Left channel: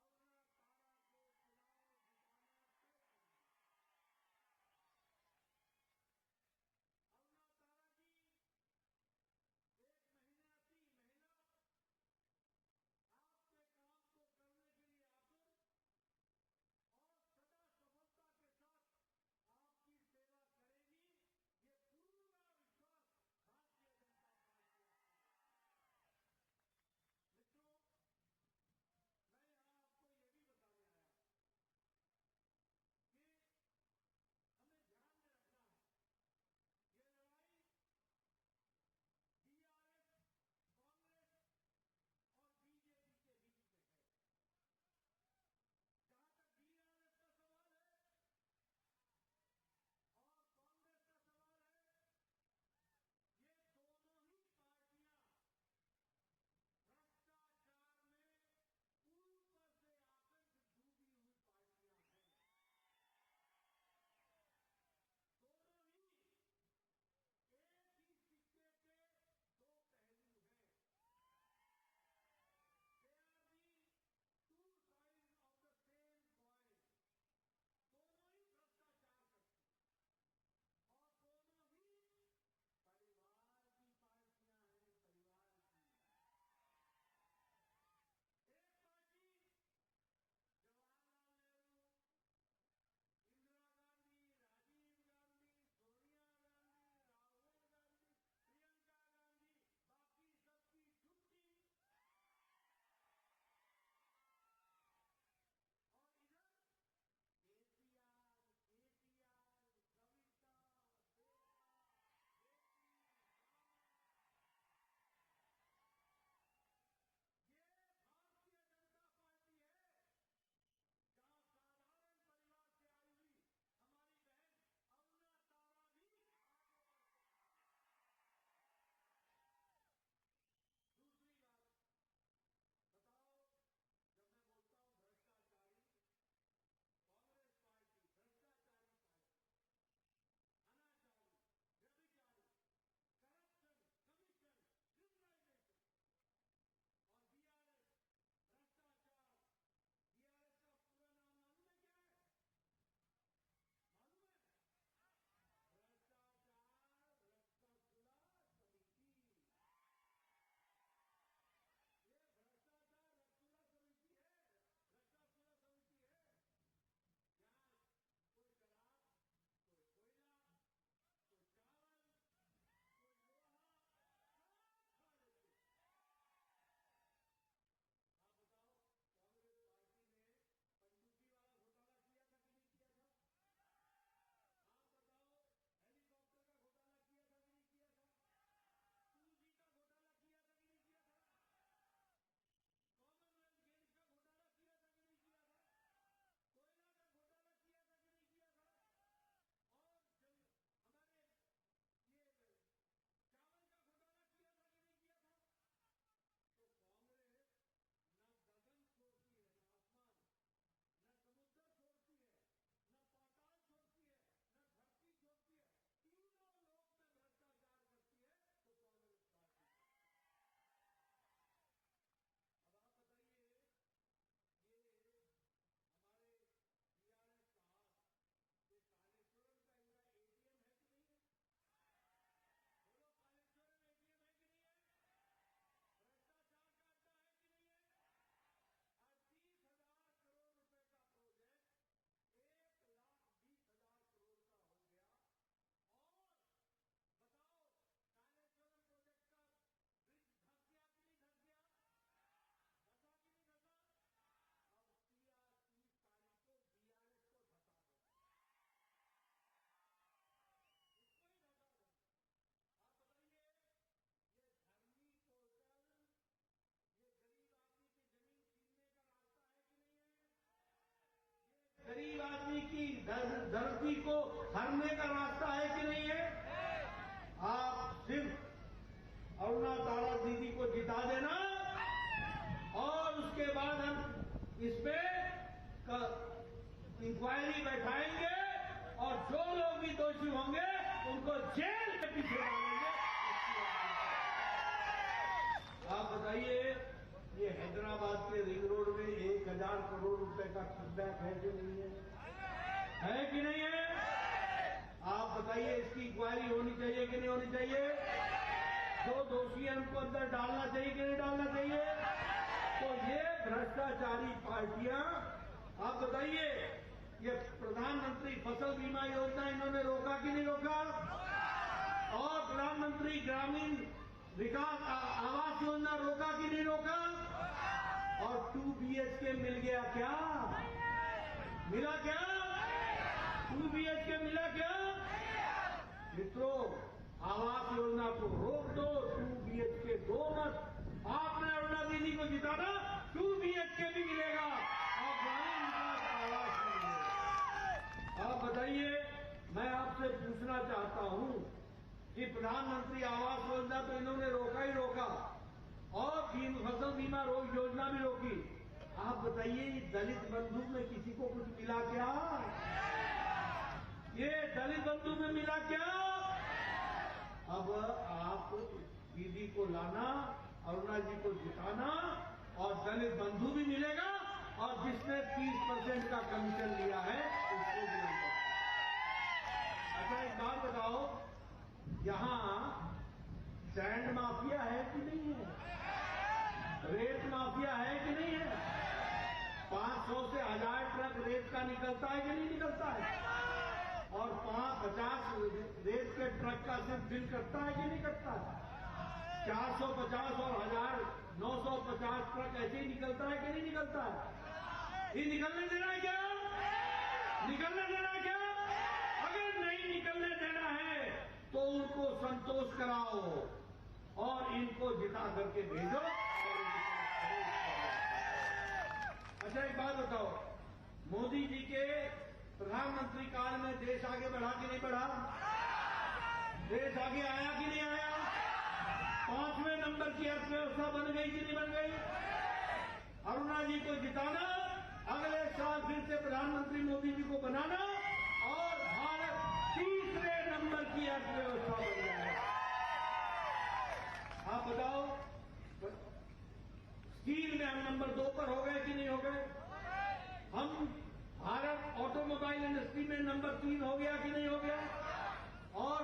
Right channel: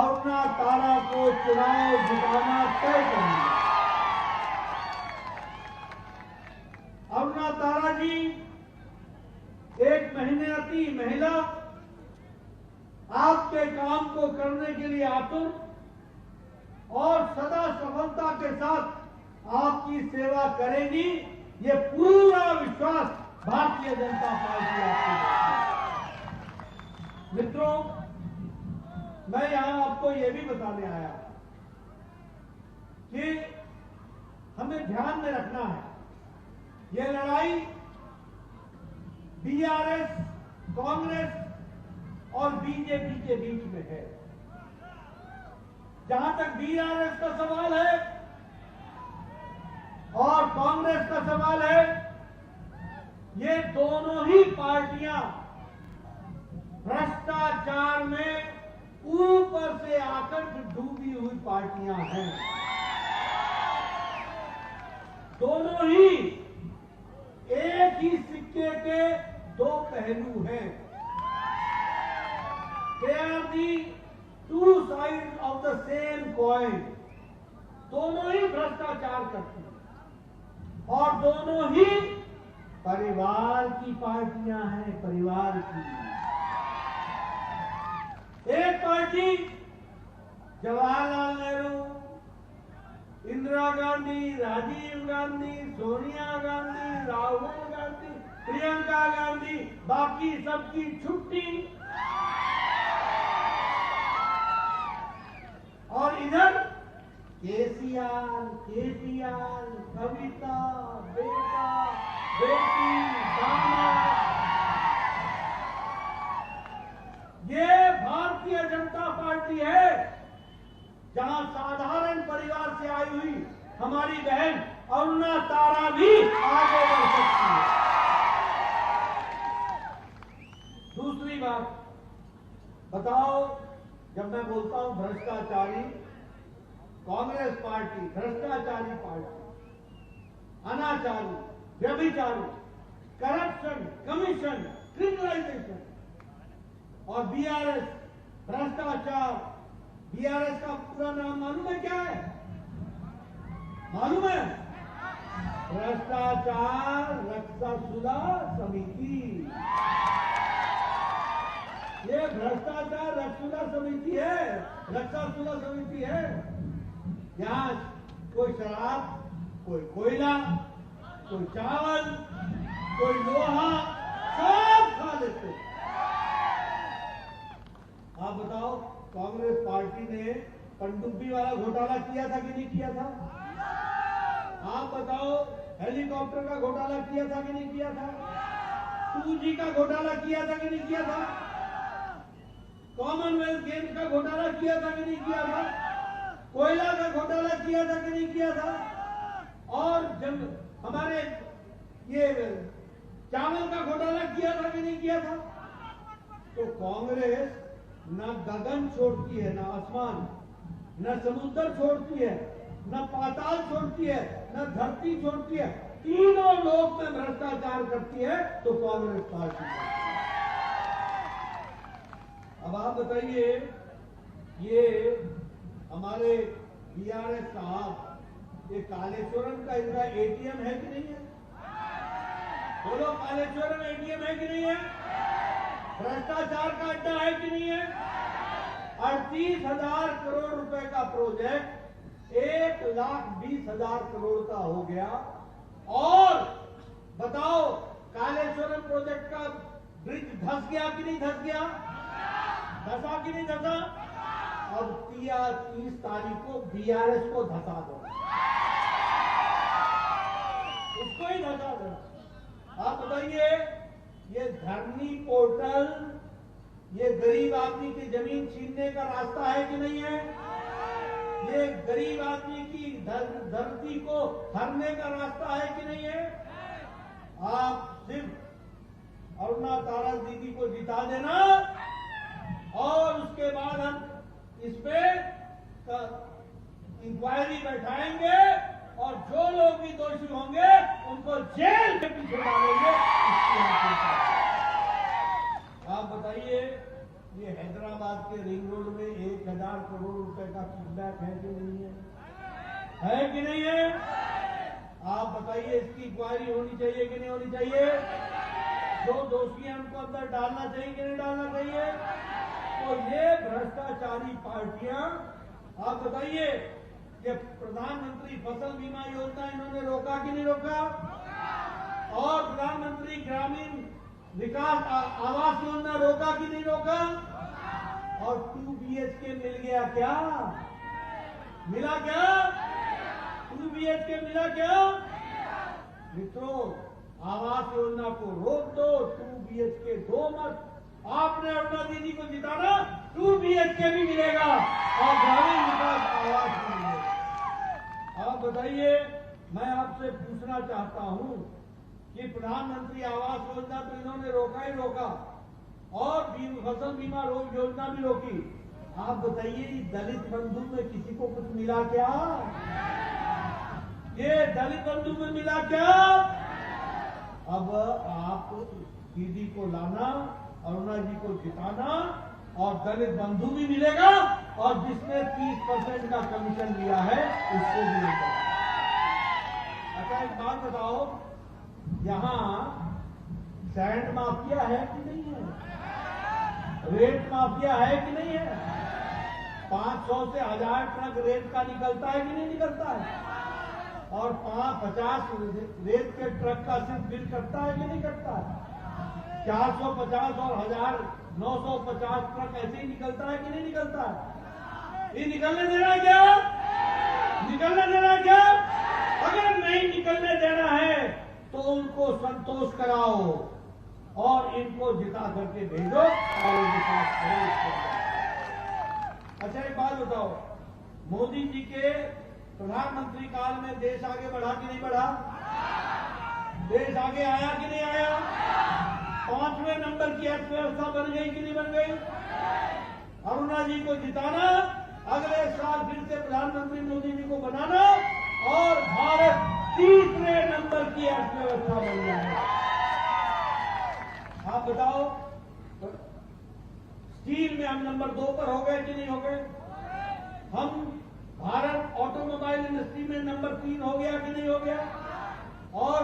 अरुणा तारा को चुनाव जिताना तय करेंगे। अरुणा तारा जी एक मेहनती महिला, आपके काम को करने के लिए आतुर और सदा सफलता के साथ आपकी सेवा करेगी, ये पूरा विश्वास भारतीय जनता पार्टी आपको देती है। मित्रों, मैं यहां आपको ये भी बताने आया कि हमें ध्यान में रखना है, ये लड़ाई बीआरएस, कांग्रेस और बीजेपी के बीच में है। जहां तक बीआरएस का सवाल है और कांग्रेस का सवाल है, ये दोनों ही पार्टियां भ्रष्टाचार में ऊपर से आकर डूबी हुई पार्टियां हैं। दोनों ही एक ही सिक्के के दो पहलू हैं। They are the two sides of the same coin. दोनों ही भ्रष्टाचार करती हैं और दोनों ही परिवार की पार्टियां हैं, परिवार की। एक पार्टी जवाहरलाल नेहरू, इंदिरा गांधी, राजीव गांधी, सोनिया गांधी, राहुल गांधी, प्रियंका गांधी, बाकी सबकी छुट्टी। और इधर केसीआर, केटीआर, कविता, बेटा, बेटी, दामाद। ये भारतीय जनता पार्टी है, जहां साधारण परिवार से आई हुई हमारी बहन अरुणा तारा भी आगे बढ़ सकती है। दूसरी बात बताओ, जब मैं बोलता हूं भ्रष्टाचारी, कांग्रेस पार्टी भ्रष्टाचारी पार्टी, अनाचारी, व्यभिचारी, करप्शन, कमीशन, क्रिमिनलाइजेशन, और बीआरएस भ्रष्टाचार। बीआरएस का पूरा नाम मालूम है क्या है? मालूम है? भ्रष्टाचार रक्षासुला समिति। ये भ्रष्टाचार रक्षासुला समिति है, रक्षासुला समिति है। यहाँ कोई शराब, कोई कोयला, कोई चावल, कोई लोहा, सब खा लेते। आप बताओ, कांग्रेस पार्टी ने पनडुब्बी वाला घोटाला किया था कि नहीं किया था? आप बताओ, हेलीकॉप्टर का घोटाला किया था कि नहीं किया था? 2G का घोटाला किया था कि नहीं किया था? कॉमनवेल्थ गेम्स का घोटाला किया था कि नहीं किया था? कोयला का घोटाला किया था कि नहीं किया था? और जब हमारे ये चावल का घोटाला किया था कि नहीं किया था? तो कांग्रेस न गगन छोड़ती है, न आसमान, न समुद्र छोड़ती है, न पाताल छोड़ती है, न धरती छोड़ती है, तीनों लोक में भ्रष्टाचार करती है तो कांग्रेस पार्टी। अब आप बताइए, ये हमारे बीआरएस साहब, ये कालेश्वरम का इनका एटीएम है कि नहीं है? बोलो, कालेश्वरम एटीएम है कि नहीं है? भ्रष्टाचार का अड्डा है कि नहीं है? 38,000 करोड़ रुपए का प्रोजेक्ट 1,20,000 करोड़ का हो गया। और बताओ, कालेश्वरम प्रोजेक्ट का ब्रिज धंस गया कि नहीं धंस गया? धंसा कि नहीं धंसा? अब 30 तारीख को बीआरएस को धंसा दो, उसको ही धंसा दो। आप बताइए, ये धरनी पोर्टल, ये गरीब आदमी की जमीन छीनने का रास्ता है कि नहीं है? ये गरीब आदमी की धरती को हरने का रास्ता है कि नहीं है? आप सिर्फ अरुणा तारा दीदी को जिता देना और उसके बाद हम इस पे इंक्वायरी बैठाएंगे और जो लोग भी दोषी होंगे उनको जेल के पीछे डालेंगे। आप बताइए, ये हैदराबाद के रिंग रोड में 1,000 करोड़ का किडनैप है कि नहीं है कि नहीं है? आप बताइए, इसकी इंक्वायरी होनी चाहिए कि नहीं होनी चाहिए? जो दोषी हैं उनको अंदर डालना चाहिए कि नहीं डालना चाहिए? तो ये भ्रष्टाचारी पार्टियां, आप बताइए, ये प्रधानमंत्री फसल बीमा योजना इन्होंने रोका कि नहीं रोका? और प्रधानमंत्री ग्रामीण विकास आवास योजना रोका कि नहीं रोका? और 2 BHK मिल गया क्या? मिला क्या? 2 BHK मिला क्या? मित्रों, आवास योजना को रोक दो, 2 BHK दो मत। आपने अरुणा दीदी को जिताना, 2 BHK भी मिलेगा और ग्रामीण विकास आवास भी मिलेगा। आप बताइए, मैं आपसे पूछना चाहता हूं कि प्रधानमंत्री आवास योजना तो इन्होंने रोका ही रोका और फसल बीमा योजना भी रोकी। आप बताइए, दलित बंधु में किसी को कुछ मिला क्या? ये दलित बंधु में मिला क्या? अब आप दीदी को लाना, अरुणा जी को जिताना और दलित बंधु भी मिलेगा और जिसने 30% का कमीशन लिया है उसको भी मिलेगा। अच्छा, एक बात बताओ, यहाँ सैंड माफिया है कि नहीं है? रेत माफिया है कि नहीं है? 500 से 1000 ट्रक रेत का निकलता है कि नहीं निकलता है? और 50 रेत के ट्रक का सिर्फ बिल कटता है कि नहीं कटता है? 450 और 1950 ट्रक ऐसे ही निकलता है कि नहीं निकलता है? ये निकलने देना है क्या? निकलने देना है क्या? अगर नहीं निकलने देना है तो उनको संतोष कराओ और इनको जिता करके भेजो और उनके साथ करो। अच्छा, एक बात बताओ, मोदी जी के प्रधानमंत्री काल में देश आगे बढ़ा कि नहीं बढ़ा? देश आगे आया कि नहीं आया? 5वें नंबर की अर्थव्यवस्था बन गई कि नहीं बन गई? अरुणा जी को जिताना, अगले साल फिर से प्रधानमंत्री मोदी जी को बनाना और भारत 3रे नंबर की अर्थव्यवस्था बन जाए। आप बताओ, स्टील में हम नंबर 2 पर हो गए कि नहीं हो गए? हम भारत ऑटोमोबाइल इंडस्ट्री में नंबर 3 हो गया कि नहीं हो गया? और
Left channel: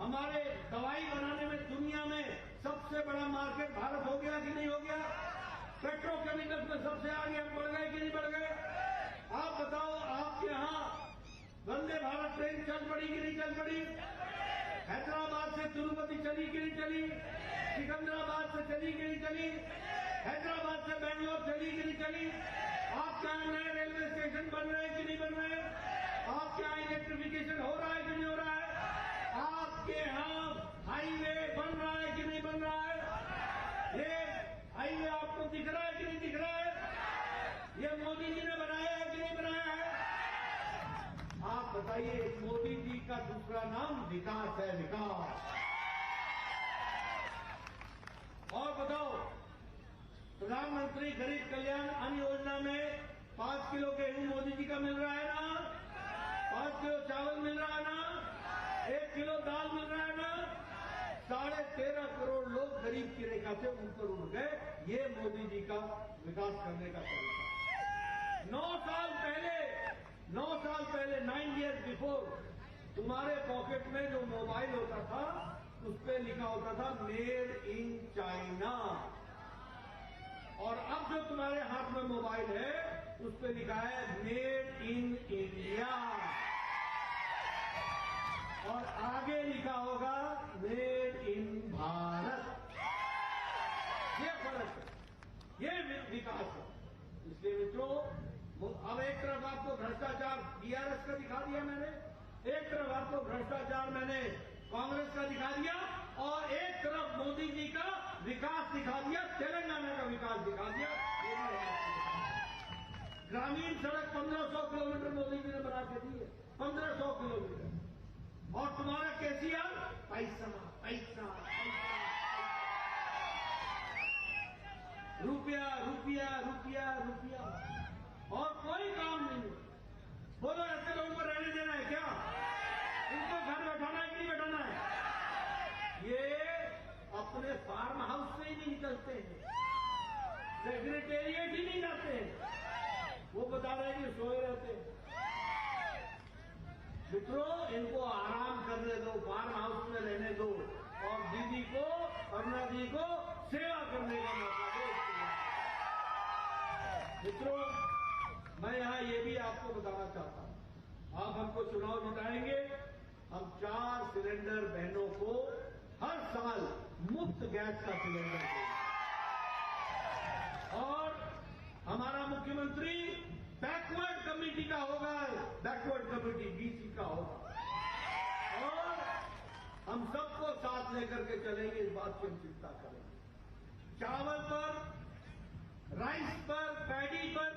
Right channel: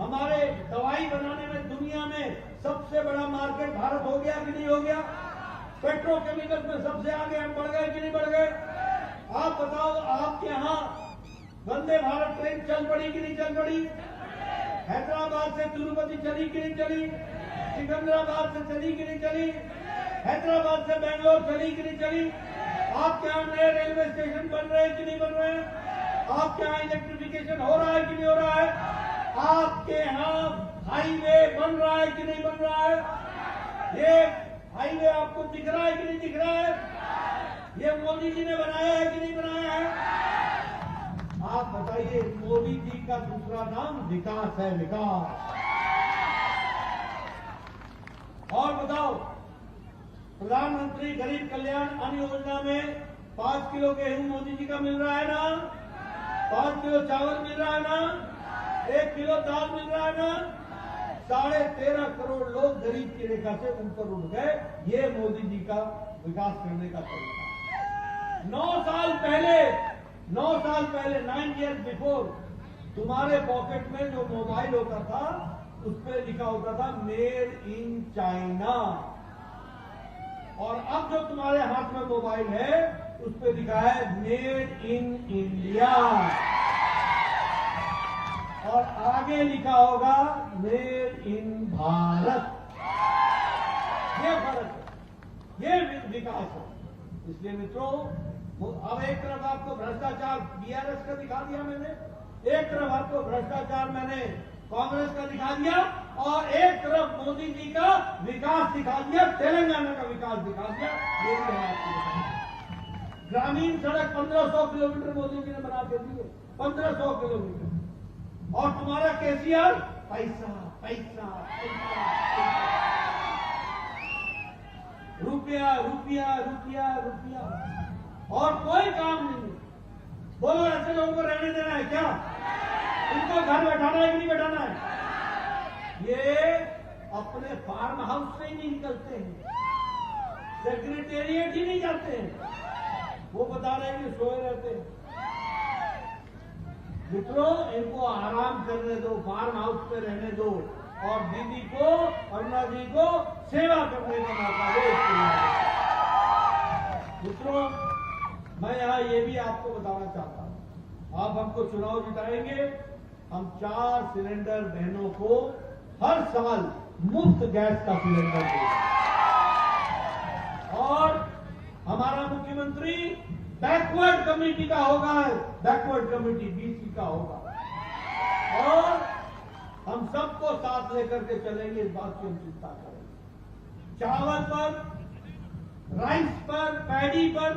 हमारे दवाई बनाने में दुनिया में सबसे बड़ा मार्केट भारत हो गया कि नहीं हो गया? पेट्रोकेमिकल्स में सबसे आगे हम बढ़ गए कि नहीं बढ़ गए? आप बताओ, आपके यहाँ वंदे भारत ट्रेन चल पड़ी कि नहीं चल पड़ी? हैदराबाद से तिरुपति चली कि नहीं चली? सिकंदराबाद से चली कि नहीं चली? हैदराबाद से बेंगलोर चली कि नहीं चली? आपके यहाँ नए रेलवे स्टेशन बन रहे हैं कि नहीं बन रहे हैं? आपके यहाँ इलेक्ट्रिफिकेशन हो रहा है कि नहीं हो रहा है? आपके यहाँ हाईवे बन रहा है कि नहीं बन रहा है? ये हाईवे आपको दिख रहा है कि नहीं दिख रहा है? ये मोदी जी ने बनाया है कि नहीं बनाया है? आप बताइए, मोदी जी का दूसरा नाम विकास है, विकास। और बताओ, प्रधानमंत्री गरीब कल्याण अन्न योजना में 5 किलो गेहूं मोदी जी का मिल रहा है ना? 5 किलो चावल मिल रहा है ना? 1 किलो दाल मिल रहा है ना? 13.5 करोड़ लोग गरीब की रेखा से ऊपर उठ गए। ये मोदी जी का विकास करने का तरीका। 9 साल पहले 9 years बिफोर तुम्हारे पॉकेट में जो मोबाइल होता था उस पर लिखा होता था मेड इन चाइना, और अब जो तुम्हारे हाथ में मोबाइल है उस पर लिखा है मेड इन इंडिया, और आगे लिखा होगा मेड इन भारत। ये फर्क है, ये विकास है। इसलिए मित्रों, अब एक तरफ आपको भ्रष्टाचार बीआरएस का दिखा दिया मैंने, एक तरफ आपको भ्रष्टाचार मैंने कांग्रेस का दिखा दिया, और एक तरफ मोदी जी का विकास दिखा दिया, तेलंगाना का विकास दिखा दिया। ये भी है आपको। ग्रामीण सड़क 1500 किलोमीटर मोदी जी ने बना के दिए, 1500 किलोमीटर। और तुम्हारा केसीआर पैसा पैसा पैसा रुपया रुपया रुपया रुपया, और कोई काम नहीं। बोलो, ऐसे लोगों को रहने देना है क्या? उनको घर बैठाना है कि नहीं बैठाना है? ये अपने फार्म हाउस से ही नहीं निकलते हैं, सेक्रेटेरिएट ही नहीं जाते हैं। वो बता रहे हैं कि सोए रहते हैं। मित्रों, इनको आराम करने दो, फार्म हाउस में रहने दो और दीदी को, अरुणा जी को सेवा करने का मौका दो। मित्रों, मैं यहाँ ये भी आपको बताना चाहता हूँ, आप हमको चुनाव जिताएंगे, हम 4 सिलेंडर बहनों को हर साल मुफ्त गैस का सिलेंडर देंगे और हमारा मुख्यमंत्री बैकवर्ड कमेटी का होगा, बैकवर्ड कमेटी बीसी का होगा और हम सबको साथ लेकर के चलेंगे, इस बात की हम चिंता करें। चावल पर, राइस पर, पैडी पर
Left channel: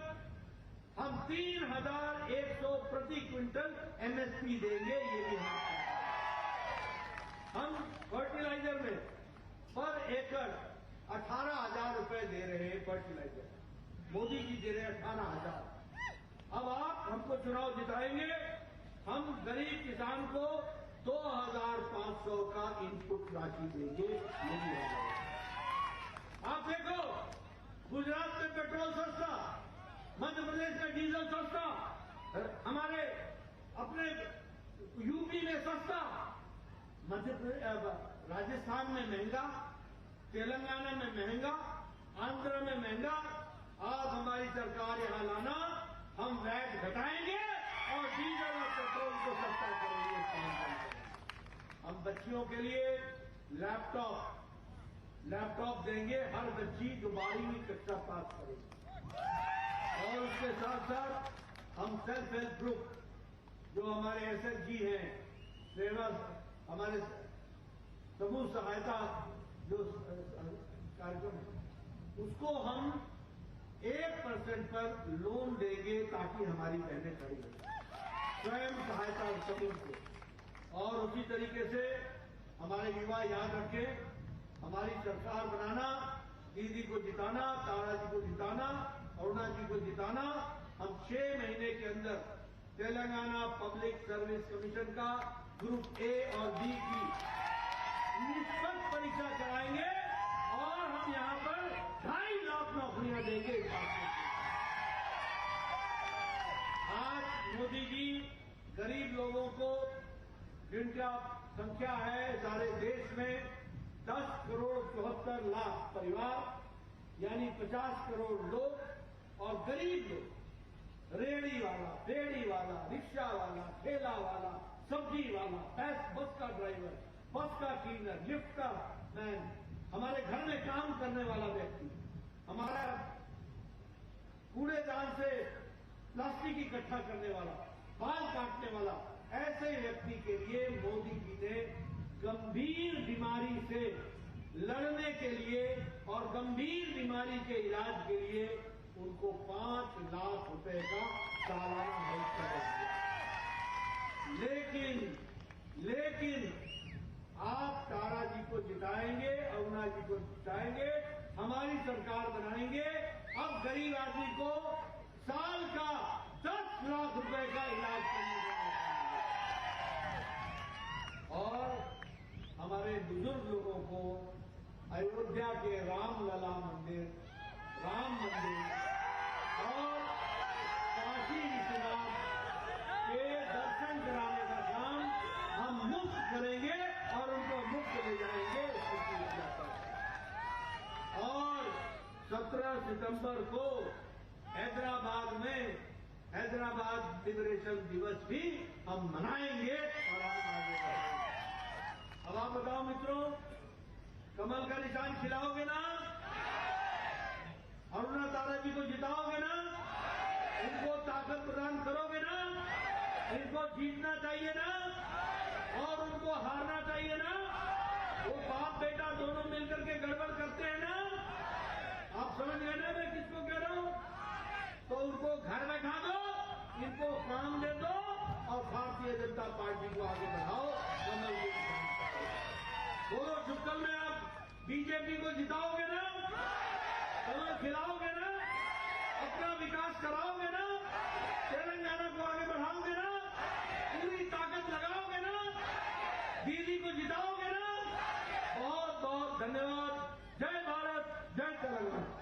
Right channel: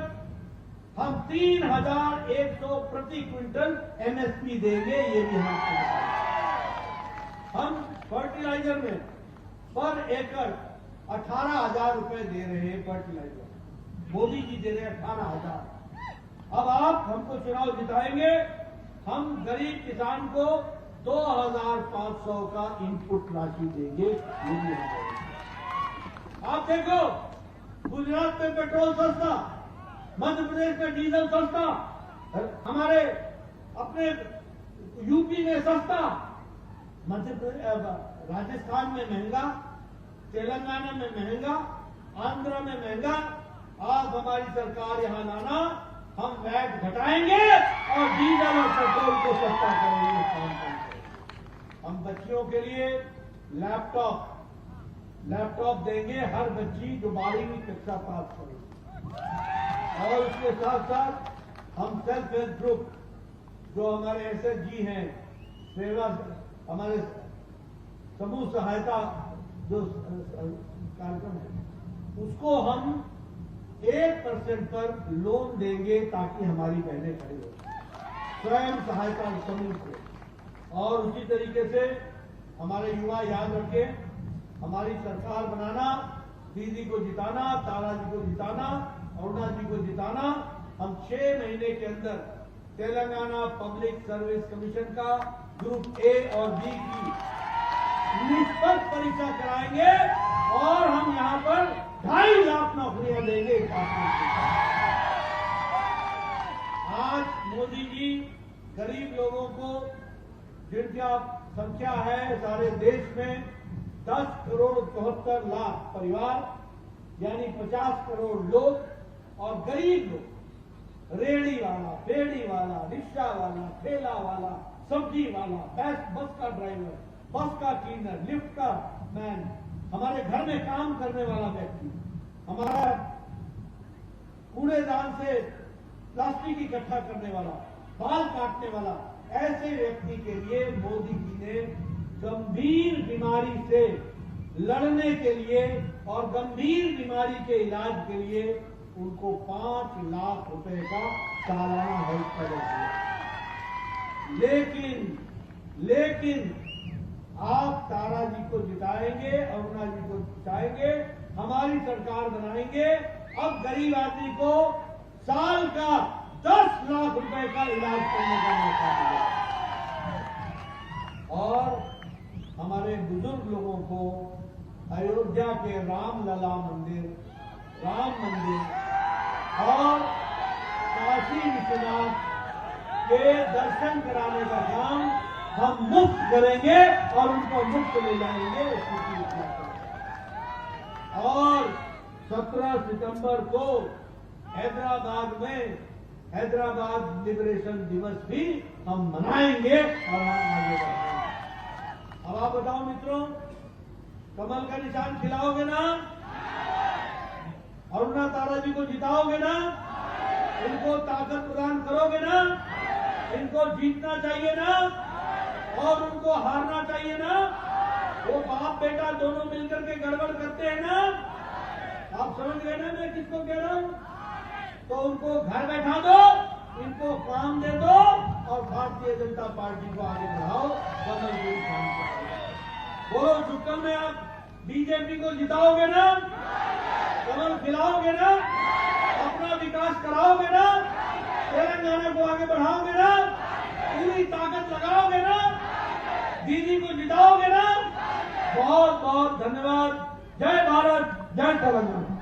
हम 3,100 प्रति क्विंटल एमएसपी देंगे, ये भी हम फर्टिलाइजर में पर एकड़ 18,000 रुपए दे रहे हैं। फर्टिलाइजर मोदी जी दे रहे हैं 18,000। अब आप हमको चुनाव जिताएंगे, हम गरीब किसान को 2,500 का इनपुट राशि देंगे, ये भी हम करेंगे। आप देखो, गुजरात में पेट्रोल सस्ता, मध्य प्रदेश में डीजल सस्ता, हमारे अपने यूपी में सस्ता, मध्य प्रदेश, राजस्थान में महंगा, तेलंगाना में महंगा, आंध्र में महंगा। आप हमारी सरकार यहां लाना, हम वैट घटाएंगे और डीजल और पेट्रोल को सस्ता करेंगे, काम करेंगे। हम बच्चियों के लिए लैपटॉप देंगे, हर बच्ची जो 12वीं कक्षा पास करेगी। और उसके साथ साथ हम सेल्फ हेल्प ग्रुप जो हमारे एसएचजी हैं, सेवा, हमारे समूह सहायता जो कार्यक्रम है, उसको हम 1% पर लोन देंगे ताकि हमारी बहनें खड़ी हो, स्वयं सहायता समूह को। और उसी तरीके से हमारे युवा याद रखें, हमारी सरकार बनाना, दीदी को जिताना, तारा जी को जिताना, अरुणा जी को जिताना। हम 6 महीने के अंदर तेलंगाना पब्लिक सर्विस कमीशन का ग्रुप ए और बी की निष्पक्ष परीक्षा कराएंगे और हम यहाँ पर 2.5 लाख नौकरियां देंगे। आज मोदी जी गरीब लोगों को, जिनका संख्या है सारे देश में 10 करोड़ 74 लाख परिवार, यानी 50 करोड़ लोग और गरीब लोग, रेहड़ी वाला, बेड़ी वाला, रिक्शा वाला, ठेला वाला, सब्जी वाला, बस का ड्राइवर, बस का क्लीनर, लिफ्ट का मैन, हमारे घर में काम करने वाला व्यक्ति, हमारा कूड़ेदान से प्लास्टिक इकट्ठा करने वाला, बाल काटने वाला, ऐसे व्यक्ति के लिए मोदी जी ने गंभीर बीमारी से लड़ने के लिए और गंभीर बीमारी के इलाज के लिए उनको 5 लाख रुपए का सालाना हेल्थ कवर दिया। लेकिन आप तारा जी को जिताएंगे, अरुणा जी को जिताएंगे, हमारी सरकार बनाएंगे, अब गरीब आदमी को साल का 10 लाख रुपए का इलाज करने का मौका मिलेगा और हमारे बुजुर्ग लोगों को अयोध्या के रामलला मंदिर, राम मंदिर और काशी विश्वनाथ के दर्शन कराने का काम हम मुफ्त करेंगे और उनको मुफ्त ले जाएंगे। और 17 सितंबर को हैदराबाद में हैदराबाद लिबरेशन दिवस भी हम मनाएंगे और हम आगे बढ़ेंगे। अब आप बताओ मित्रों, कमल का निशान खिलाओगे ना? अरुणा तारा जी को जिताओगे ना? इनको ताकत प्रदान करोगे ना? इनको जीतना चाहिए ना और उनको हारना चाहिए ना? वो बाप बेटा दोनों मिलकर के गड़बड़ करते हैं ना? आप समझ गए ना मैं किसको कह रहा हूं? तो उनको घर बैठा दो, इनको काम दे दो और भारतीय जनता पार्टी को आगे बढ़ाओ। कमल को काम करो। बोलो सुकम में आप बीजेपी को जिताओगे ना? कमल खिलाओगे ना? अपना विकास कराओगे ना? तेलंगाना को आगे बढ़ाओगे ना? पूरी ताकत लगाओगे ना? दीदी को जिताओगे ना? बहुत बहुत धन्यवाद। जय भारत, जय तेलंगाना।